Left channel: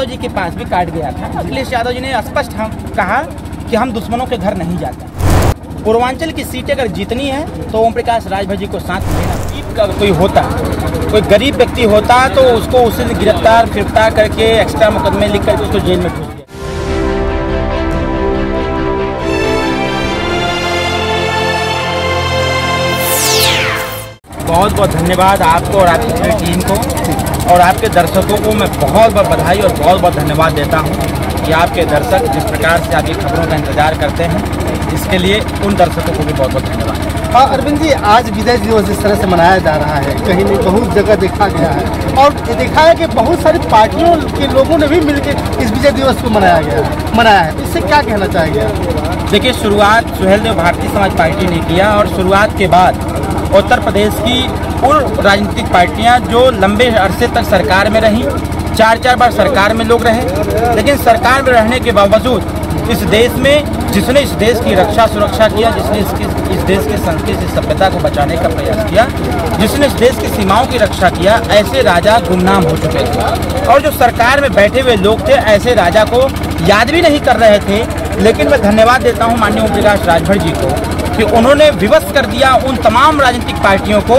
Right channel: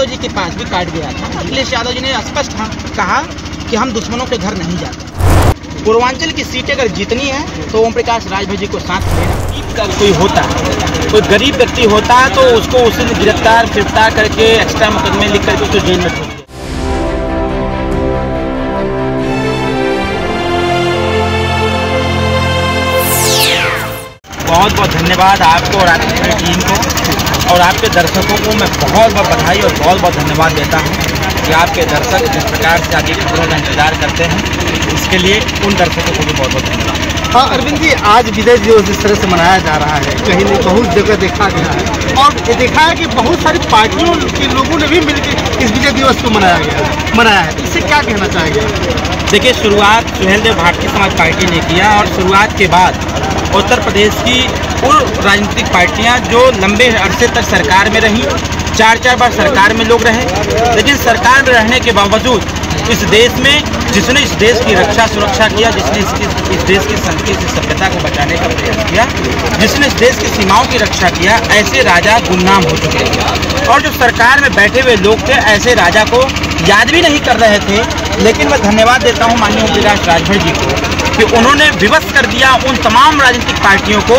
यादव जी के पास भी कार्ड गया था। अखिलेश यादव जी ने स्पष्ट कहा कि हम दुश्मनों के घर नहीं जाते। पूर्वांचल की सीटें अगर जीतनी है तो ओम प्रकाश राजभर जी को साथ देना। गरीब कोई होता है, कोई गरीब व्यक्ति होता है तो उसको उसी ने गिरफ्तार करके एक्स्ट्रा मुकदमे लिख करके उसको जेल में ठोक दिया। बहुत बहुत धन्यवाद आपको और आपकी पूरी टीम को और आपके दर्शकों को मैं बहुत बहुत बधाई और बहुत बहुत धन्यवाद देता हूं कि आपके दर्शक जिस प्रकार से आपकी खबरों का इंतजार करते हैं, इसके लिए उन दर्शकों को भी बहुत बहुत धन्यवाद। हाँ अरविंद जी, आज विजय दिवस इस तरह से मनाया जा रहा है, कहीं नहीं बहुत जगह देखा गया है और ये देखा है कि बहुत सारी पार्टियों के लोगों ने भी मिलकर इस विजय दिवस को मनाया है। इससे क्या कहना चाहेंगे? देखिए, शुरुआत सुहेलदेव भारतीय समाज पार्टी ने किया और शुरुआत के बाद उत्तर प्रदेश की उन राजनीतिक पार्टियां जो लंबे अरसे तक सरकार में रहीं, 4 बार सरकार में लोग रहे, लेकिन सरकार में रहने के बावजूद इस देश में जिसने इस देश की रक्षा सुरक्षा किया, जिसने इस देश की संस्कृति सभ्यता को बचाने का प्रयास किया, जिसने इस देश की सीमाओं की रक्षा किया, ऐसे राजा गुमनाम हो चुके हैं। और जो सरकार में बैठे हुए लोग थे ऐसे राजा को याद भी नहीं कर रहे थे। लेकिन मैं धन्यवाद देता हूं माननीय ओम प्रकाश राजभर जी को कि उन्होंने विवश कर दिया उन तमाम राजनीतिक पार्टियों को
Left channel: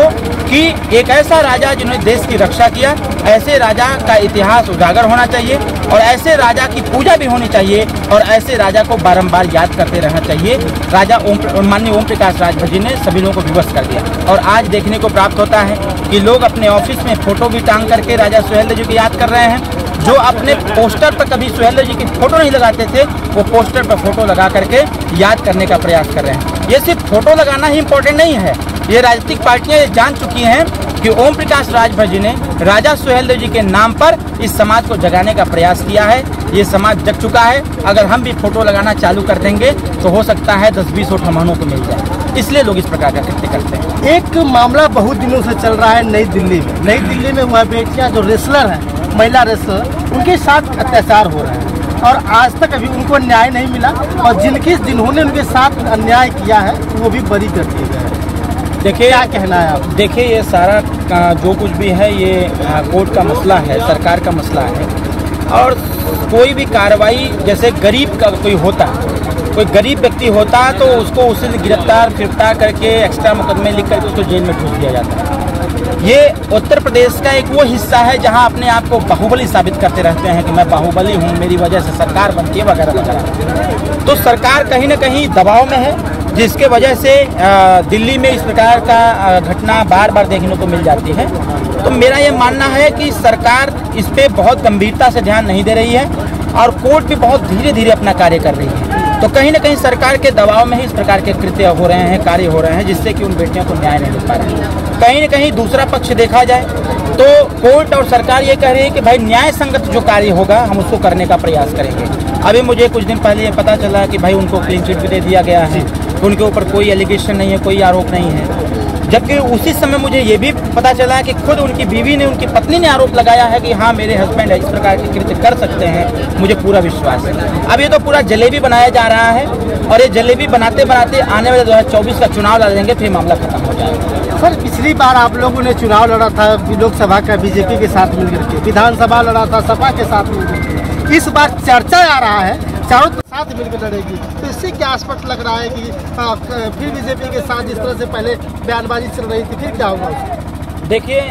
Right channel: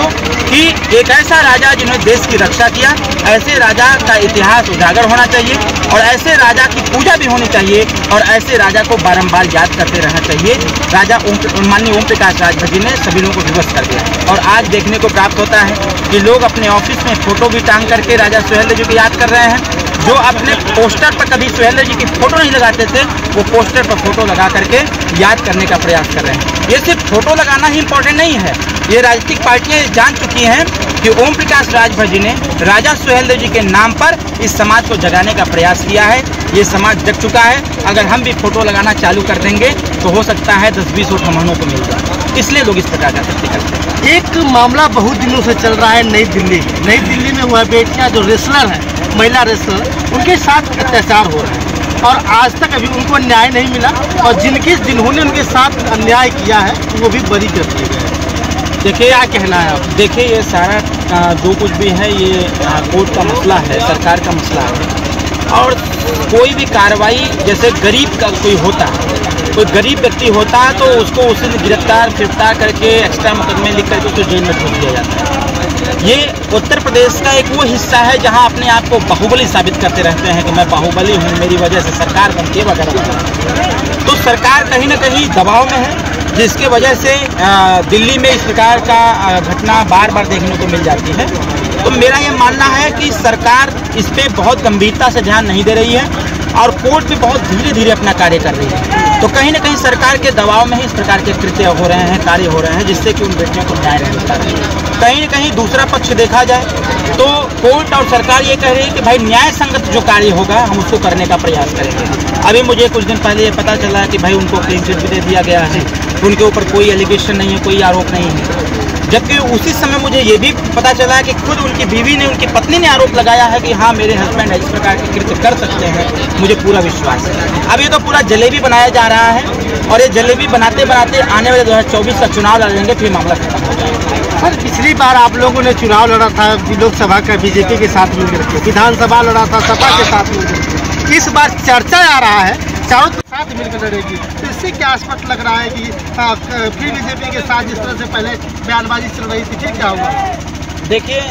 कि एक ऐसा राजा जिन्होंने देश की रक्षा किया, ऐसे राजा का इतिहास उजागर होना चाहिए और ऐसे राजा की पूजा भी होनी चाहिए और ऐसे राजा को बारंबार याद करते रहना चाहिए। राजा माननीय ओम प्रकाश राजभर जी ने सभी लोगों को विवश कर दिया और आज देखने को प्राप्त होता है कि लोग अपने ऑफिस में फोटो भी टांग करके राजा सुहेलदेव जी को याद कर रहे हैं। जो अपने पोस्टर पर कभी सुहेलदेव जी की फोटो नहीं लगाते थे, वो पोस्टर पर फोटो लगा करके याद करने का प्रयास कर रहे हैं। ये सिर्फ फोटो लगाना ही इम्पोर्टेंट नहीं है, ये राजनीतिक पार्टियां जान चुकी हैं कि ओम प्रकाश राजभर जी ने राजा सुहेलदेव जी के नाम पर इस समाज को जगाने का प्रयास किया है। ये समाज जग चुका है। अगर हम भी फोटो लगाना चालू कर देंगे तो हो सकता है 10-20 वोट हम को मिल जाए, इसलिए लोग इस प्रकार का कृत्य करते हैं। एक मामला बहुत दिनों से चल रहा है नई दिल्ली में हुआ बेटियां जो रेसलर हैं, महिला रेसलर, उनके साथ अत्याचार हो रहे हैं और आज तक अभी उनको न्याय नहीं मिला और जिन्होंने उनके साथ अन्याय किया है वो भी बरी कर दिए गए। देखिए, क्या कहना है आप? देखिए, ये सारा जो कुछ भी है ये कोर्ट का मसला है, सरकार का मसला है और कोई भी कार्रवाई जैसे गरीब का कोई होता है, कोई गरीब व्यक्ति होता है तो उसको उसी ने गिरफ्तार करके एक्स्ट्रा मुकदमे लिख करके उसको जेल में ठोक दिया जाता है। ये उत्तर प्रदेश का एक वो हिस्सा है जहां अपने आप को बाहुबली साबित करते रहते हैं कि मैं बाहुबली हूं, मेरी वजह से सरकार बनती है वगैरह वगैरह। तो सरकार कहीं ना कहीं दबाव में है, जिसके वजह से दिल्ली में इस प्रकार का घटना बार बार देखने को मिल जाती है। तो मेरा ये मानना है कि सरकार इस पे बहुत गंभीरता से ध्यान नहीं दे रही है और कोर्ट भी बहुत धीरे धीरे अपना कार्य कर रही है। तो कहीं ना कहीं सरकार के दबाव में ही इस प्रकार के कृत्य हो रहे हैं, कार्य हो रहे हैं, जिससे कि उन बेटियों को न्याय नहीं मिल पा रहा है। कहीं ना कहीं दूसरा पक्ष देखा जाए तो कोर्ट और सरकार ये कह रही है कि भाई न्याय संगत जो कार्य होगा हम उसको करने का प्रयास करेंगे। अभी मुझे कुछ दिन पहले ये पता चला कि भाई उनको क्लीन चिट भी दे दिया गया है, उनके ऊपर कोई एलिगेशन नहीं है, कोई आरोप नहीं है। जबकि उसी समय मुझे ये भी पता चला कि खुद उनकी बीवी ने, उनकी पत्नी ने आरोप लगाया है कि हाँ मेरे हस्बैंड इस प्रकार के कृत्य कर सकते हैं, मुझे पूरा विश्वास है। अब ये तो पूरा जलेबी बनाया जा रहा है और ये जलेबी बनाते बनाते आने वाले 2024 का चुनाव लड़ेंगे, फिर मामला खत्म हो जाएगा। सर, पिछली बार आप लोगों ने चुनाव लड़ा था लोकसभा का बीजेपी के साथ मिलकर के, विधानसभा लड़ा था सपा के साथ मिलकर। इस बार चर्चा आ रहा है चारों के साथ मिलकर लड़ेगी, तो इससे क्या स्पष्ट लग रहा है कि फिर बीजेपी के साथ जिस तरह से पहले बयानबाजी चल रही थी फिर क्या हुआ? देखिए,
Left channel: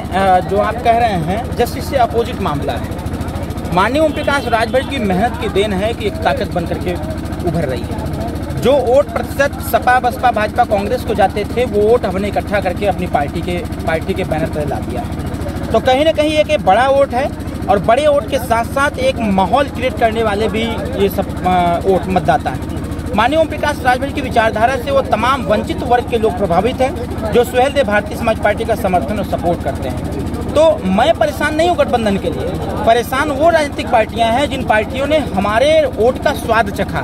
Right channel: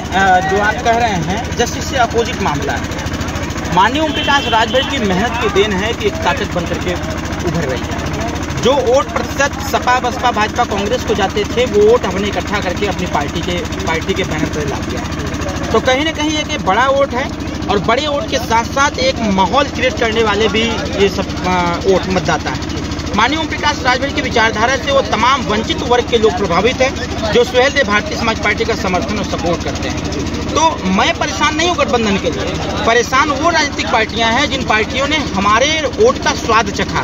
जो आप कह रहे हैं जस्ट इससे अपोजिट मामला है। माननीय ओम प्रकाश राजभर की मेहनत की देन है कि एक ताकत बन करके उभर रही है। जो वोट प्रतिशत सपा बसपा भाजपा कांग्रेस को जाते थे वो वोट हमने इकट्ठा करके अपनी पार्टी के बैनर पर ला दिया है। तो कहीं ना कहीं एक बड़ा वोट है और बड़े वोट के साथ साथ एक माहौल क्रिएट करने वाले भी ये सब वोट मतदाता है। माननीय ओम प्रकाश राजभर की विचारधारा से वो तमाम वंचित वर्ग के लोग प्रभावित हैं जो सुहेलदेव भारतीय समाज पार्टी का समर्थन और सपोर्ट करते हैं। तो मैं परेशान नहीं हूँ गठबंधन के लिए, परेशान वो राजनीतिक पार्टियां हैं जिन पार्टियों ने हमारे वोट का स्वाद चखा।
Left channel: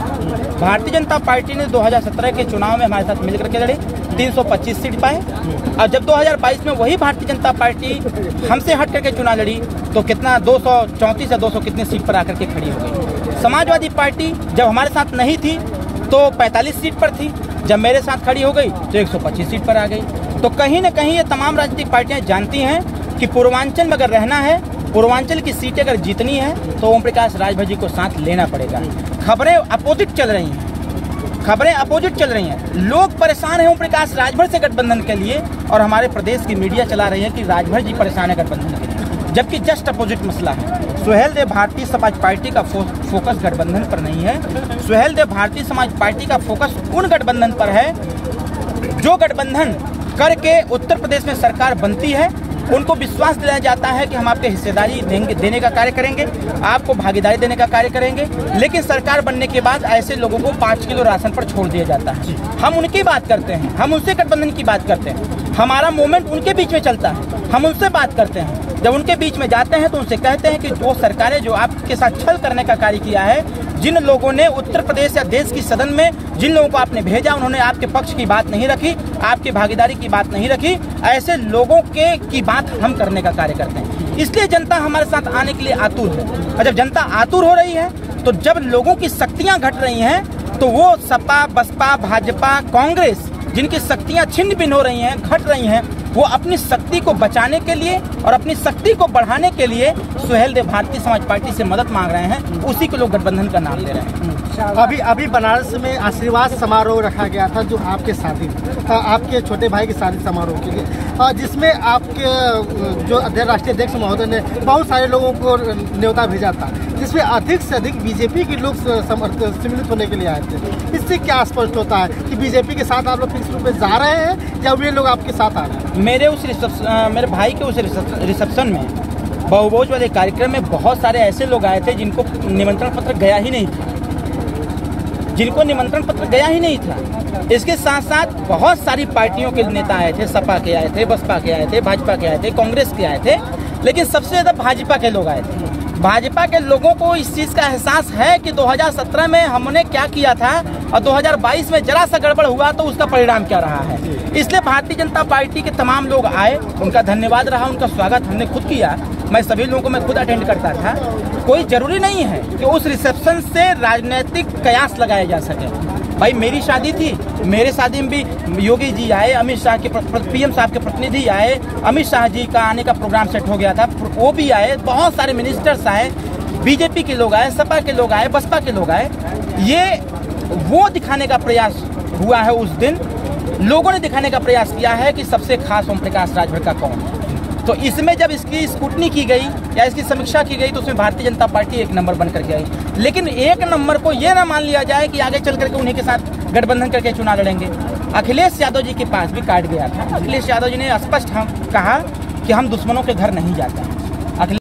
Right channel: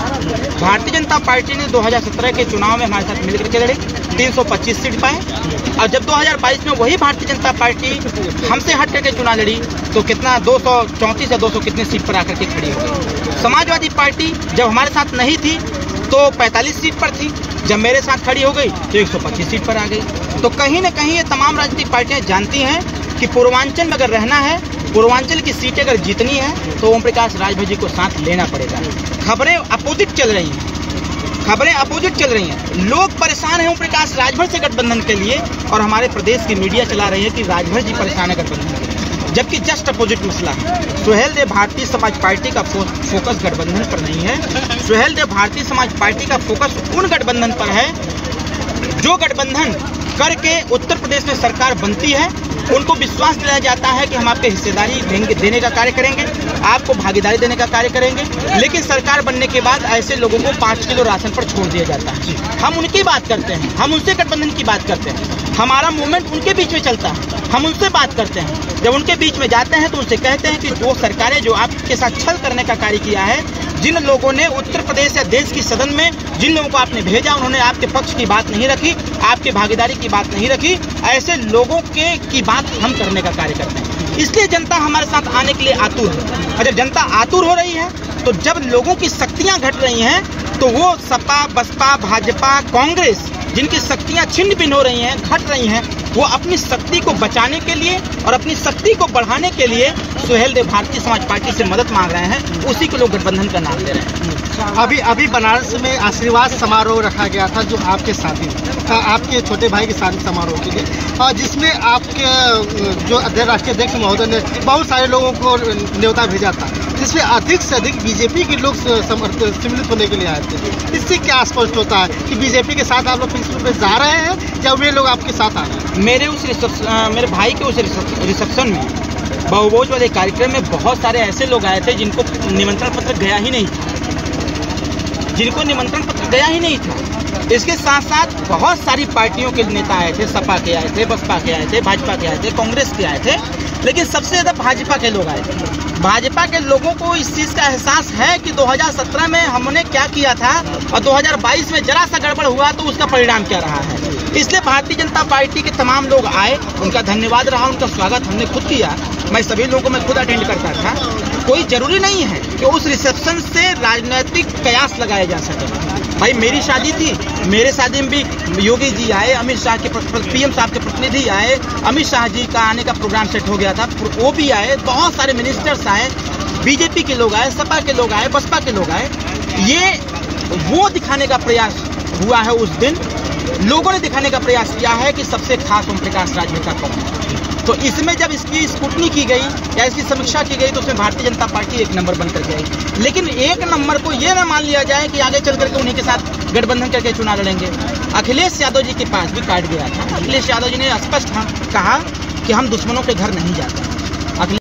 भारतीय जनता पार्टी ने 2017 के चुनाव में हमारे साथ मिलकर के लड़ी, 325 सीट पाए और जब 2022 में वही भारतीय जनता पार्टी हमसे हट करके चुनाव लड़ी तो कितना 234 या 200 कितने सीट पर आकर के खड़ी हो गई। समाजवादी पार्टी जब हमारे साथ नहीं थी तो 45 सीट पर थी, जब मेरे साथ खड़ी हो गई तो 125 सीट पर आ गई। तो कहीं ना कहीं ये तमाम राजनीतिक पार्टियां जानती हैं कि पूर्वांचल में अगर रहना है, पूर्वांचल की सीटें अगर जीतनी है तो ओम प्रकाश राजभर जी को साथ लेना पड़ेगा। खबरें अपोजिट चल रही हैं, लोग परेशान हैं ओम प्रकाश राजभर से गठबंधन के लिए, और हमारे प्रदेश की मीडिया चला रही है कि राजभर जी परेशान है गठबंधन के लिए, जबकि जस्ट अपोजिट मसला है। सुहेल देव भारतीय समाज पार्टी का फोकस गठबंधन पर नहीं है। सुहेल देव भारतीय समाज पार्टी का फोकस उन गठबंधन पर है जो गठबंधन करके उत्तर प्रदेश में सरकार बनती है, उनको विश्वास दिलाया जाता है कि हम आपके हिस्सेदारी देने का कार्य करेंगे, आपको भागीदारी देने का कार्य करेंगे, लेकिन सरकार बनने के बाद ऐसे लोगों को 5 किलो राशन पर छोड़ दिया जाता है। हम उनकी बात करते हैं, हम उनसे गठबंधन की बात करते हैं, हमारा मूवमेंट उनके बीच में चलता है, हम उनसे बात करते हैं। जब उनके बीच में जाते हैं तो उनसे कहते हैं कि वो सरकारें जो आपके साथ छल करने का कार्य किया है, जिन लोगों ने उत्तर प्रदेश या देश की सदन में जिन लोगों को आपने भेजा, उन्होंने आपके पक्ष की बात नहीं रखी, आपकी भागीदारी की बात नहीं रखी, ऐसे लोगों की बात हम करने का कार्य करते हैं। इसलिए जनता हमारे साथ आने के लिए आतुर है, और जब जनता आतुर हो रही है तो जब लोगों की शक्तियाँ घट रही हैं तो वो सपा, बसपा, भाजपा, कांग्रेस जिनकी शक्तियाँ छिन्न भिन्न हो रही हैं, घट रही हैं, वो अपनी शक्ति को बचाने के लिए और अपनी शक्ति को बढ़ाने के लिए सुहेल देव भारतीय समाज पार्टी से मदद मांग रहे हैं। उसी को लोग गठबंधन का नाम ले रहे हैं। अभी बनारस में आशीर्वाद समारोह रखा गया था, जो आपके शादी, आपके छोटे भाई की शादी समारोह के लिए, और जिसमें आपके जो राष्ट्रीय अध्यक्ष महोदय ने बहुत सारे लोगों को न्योता भेजा था, जिसमें अधिक से अधिक बीजेपी के लोग सम्मिलित होने के लिए आए थे। इससे क्या स्पष्ट होता है कि बीजेपी के साथ आप लोग फिक्स रूप में जा रहे हैं या वे लोग आपके साथ आ रहे हैं? मेरे भाई के उस रिसेप्शन में, बहुभोज वाले कार्यक्रम में बहुत सारे ऐसे लोग आए थे जिनको निमंत्रण पत्र गया ही नहीं था, इसके साथ साथ बहुत सारी पार्टियों के नेता आए थे, सपा के आए थे, बसपा के आए थे, भाजपा के आए थे, कांग्रेस के आए थे, लेकिन सबसे ज़्यादा भाजपा के लोग आए थे। भाजपा के लोगों को इस चीज़ का एहसास है कि 2017 में हमने क्या किया था और 2022 में जरा सा गड़बड़ हुआ तो उसका परिणाम क्या रहा है। इसलिए भारतीय जनता पार्टी के तमाम लोग आए, उनका धन्यवाद रहा, उनका स्वागत हमने खुद किया। मैं सभी लोगों को मैं खुद अटेंड करता था। कोई ज़रूरी नहीं है कि उस रिसेप्शन से राजनीतिक कयास लगाया जा सके। भाई मेरी शादी थी, मेरे शादी में भी योगी जी आए, अमित शाह के पीएम साहब के प्रतिनिधि आए, अमित शाह जी का आने का प्रोग्राम सेट हो गया था, वो भी आए, बहुत सारे मिनिस्टर्स आए, बीजेपी के लोग आए, सपा के लोग आए, बसपा के लोग आए। ये वो दिखाने का प्रयास हुआ है, उस दिन लोगों ने दिखाने का प्रयास किया है कि सबसे खास ओम प्रकाश राजभर का कौन है। तो इसमें जब इसकी स्क्रूटनी की गई या इसकी समीक्षा की गई तो उसमें भारतीय जनता पार्टी 1 नंबर बन करके आई। लेकिन 1 नंबर को ये ना मान लिया जाए कि आगे चल करके उन्हीं के साथ गठबंधन करके चुनाव लड़ेंगे। अखिलेश यादव जी के पास भी कार्ड गया था। अखिलेश यादव जी ने स्पष्ट कहा कि हम दुश्मनों के घर नहीं जाते। अखिलेश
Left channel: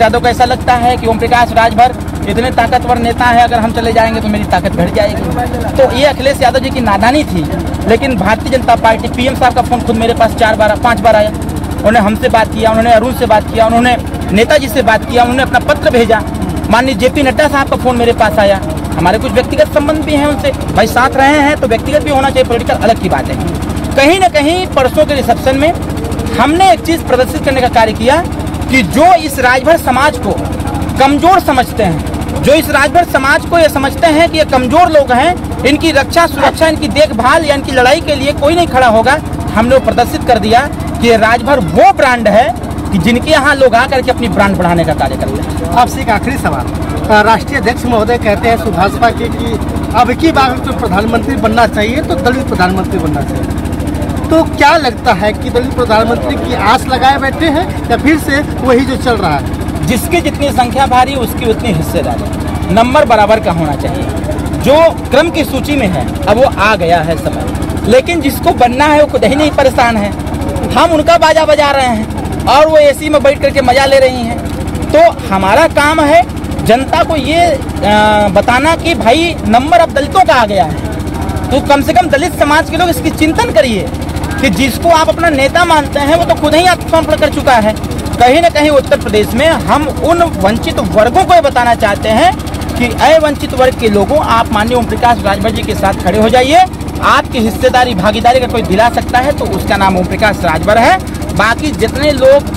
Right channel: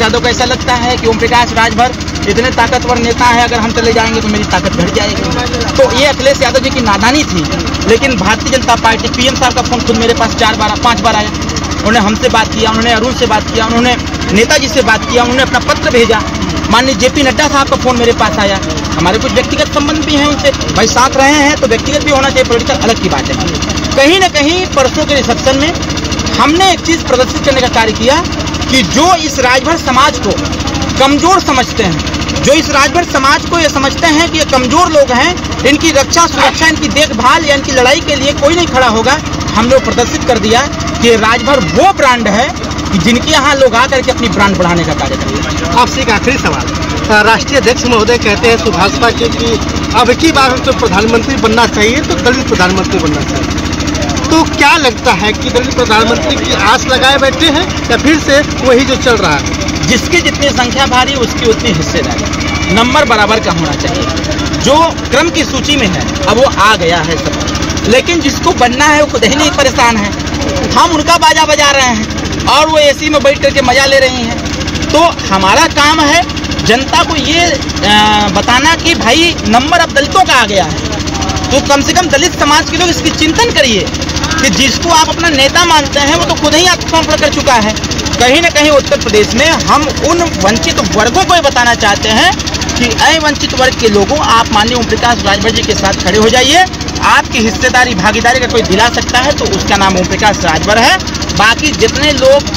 यादव को ऐसा लगता है कि ओम प्रकाश राजभर इतने ताकतवर नेता है, अगर हम चले जाएंगे तो मेरी ताकत घट जाएगी। तो ये अखिलेश यादव जी की नादानी थी। लेकिन भारतीय जनता पार्टी, पीएम साहब का फोन खुद मेरे पास 5 बार आया। उन्होंने हमसे बात किया, उन्होंने अरुण से बात किया, उन्होंने नेताजी से बात किया, उन्होंने अपना पत्र भेजा। माननीय जेपी नड्डा साहब का फोन मेरे पास आया। हमारे कुछ व्यक्तिगत संबंध भी हैं उनसे, भाई साथ रहे हैं तो व्यक्तिगत भी होना चाहिए, पॉलिटिकल अलग की बात है। कहीं ना कहीं परसों के रिसेप्शन में हमने एक चीज़ प्रदर्शित करने का कार्य किया कि जो इस राजभर समाज को कमज़ोर समझते हैं, जो इस राजभर समाज को ये समझते हैं कि ये कमज़ोर लोग हैं, इनकी रक्षा सुरक्षा, इनकी देखभाल या इनकी लड़ाई के लिए कोई नहीं खड़ा होगा, हम लोग प्रदर्शित कर दिया कि राजभर वो ब्रांड है कि जिनके यहाँ लोग आकर के अपनी ब्रांड बढ़ाने का कार्य करते हैं। आपसे एक आखिरी सवाल, राष्ट्रीय अध्यक्ष महोदय कहते हैं भाजपा के कि अब की बार हमको प्रधानमंत्री बनना चाहिए तो दलित प्रधानमंत्री बनना चाहिए, तो क्या लगता है कि दलित प्रधानमंत्री की आस लगाए बैठे हैं या फिर से वही जो चल रहा है? जिसकी जितनी संख्या भारी उसकी उतनी हिस्सेदारी, नंबर बराबर का होना चाहिए। जो क्रम की सूची में है अब वो आ गया है सब, लेकिन जिसको बनना है वो खुद ही नहीं परेशान है। हम उनका बाजा बजा रहे हैं और वो एसी में बैठ करके मजा ले रही हैं। तो हमारा काम है जनता को ये बताना कि भाई नंबर अब दलितों का आ गया है। तो कम से कम दलित समाज के लोग इसकी चिंतन करिए कि जिसको आप अपना नेता मानते हैं वो तो खुद ही आत्मसमर्पण कर चुका है। कहीं ना कहीं उत्तर प्रदेश में हम उन वंचित वर्गों को ये बताना चाहते हैं कि अय वंचित वर्ग के लोगों, आप माननीय ओम प्रकाश राजभर जी के साथ खड़े हो जाइए। आपकी हिस्सेदारी भागीदारी का कोई दिला सकता है तो उसका नाम ओम प्रकाश राजभर है। बाकी जितने लोग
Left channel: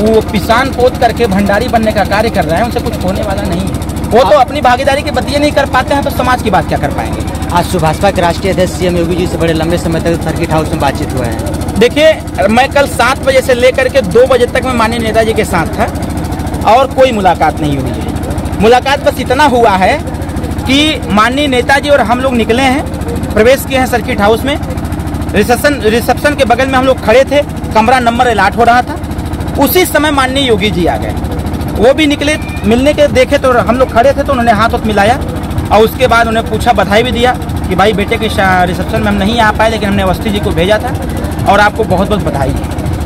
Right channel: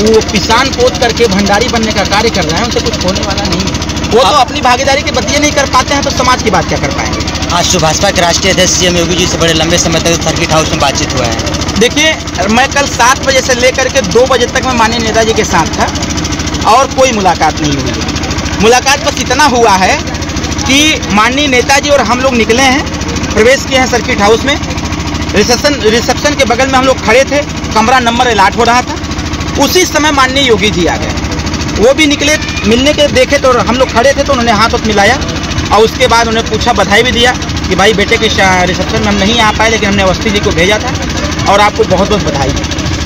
वो पिसान पोत करके भंडारी बनने का कार्य कर रहे हैं उनसे कुछ होने वाला नहीं है। वो तो अपनी भागीदारी के बतिये नहीं कर पाते हैं तो समाज की बात क्या कर पाएंगे। आज भाजपा के राष्ट्रीय अध्यक्ष सीएम योगी जी से बड़े लंबे समय तक सर्किट हाउस में बातचीत हुआ है। देखिए, मैं कल 7 बजे से लेकर के 2 बजे तक मैं माननीय नेताजी के साथ था और कोई मुलाकात नहीं हुई। मुलाकात बस इतना हुआ है कि माननीय नेताजी और हम लोग निकले हैं, प्रवेश किए हैं सर्किट हाउस में। रिसेप्शन के बगल में हम लोग खड़े थे, कमरा नंबर अलॉट हो रहा था। उसी समय माननीय योगी जी आ गए, वो भी निकले, मिलने के देखे तो हम लोग खड़े थे तो उन्होंने हाथ मिलाया और उसके बाद उन्हें पूछा, बधाई भी दिया कि भाई बेटे के रिसेप्शन में हम नहीं आ पाए, लेकिन हमने अवस्थी जी को भेजा था और आपको बहुत बहुत बधाई।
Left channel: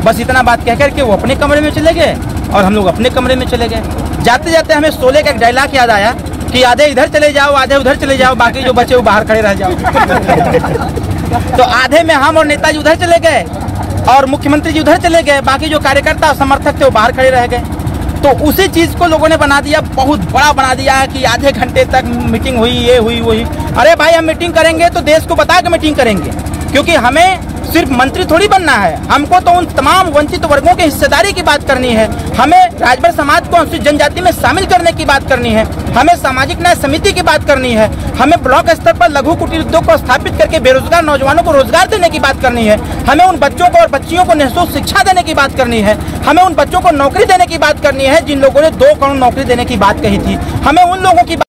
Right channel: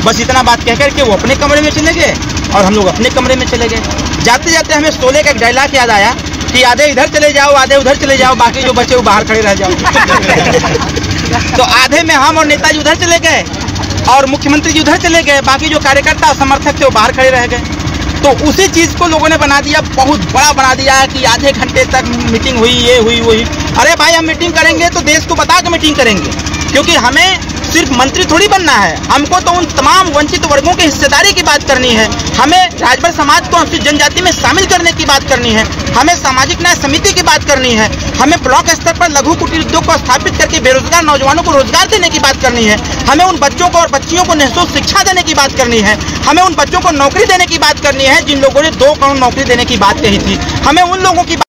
बस इतना बात कह करके वो अपने कमरे में चले गए और हम लोग अपने कमरे में चले गए। जाते जाते हमें शोले का एक डायलॉग याद आया कि आधे इधर चले जाओ, आधे उधर चले जाओ, बाकी जो बचे वो बाहर खड़े रह जाओ। तो आधे में हम और नेताजी उधर चले गए और मुख्यमंत्री जी उधर चले गए, बाकी जो कार्यकर्ता समर्थक थे वो बाहर खड़े रह गए। तो उसी चीज़ को लोगों ने बना दिया, बहुत बड़ा बना दिया है कि आधे घंटे तक मीटिंग हुई, ये हुई वही। अरे भाई, हम मीटिंग करेंगे तो देश को बता के मीटिंग करेंगे, क्योंकि हमें सिर्फ मंत्री थोड़ी बनना है, हमको तो उन तमाम वंचित वर्गों की हिस्सेदारी की बात करनी है। हमें राजभर समाज को अनुसूचित जनजाति में शामिल करने की बात करनी है, हमें सामाजिक न्याय समिति की बात करनी है, हमें ब्लॉक स्तर पर लघु कुटीर उद्योग को स्थापित करके बेरोजगार नौजवानों को रोजगार देने की बात करनी है, हमें उन बच्चों को और बच्चियों को निःशुल्क शिक्षा देने की बात करनी है, हमें उन बच्चों को नौकरी देने की बात करनी है जिन लोगों ने 2 करोड़ नौकरी देने की बात कही थी, हमें उन लोगों की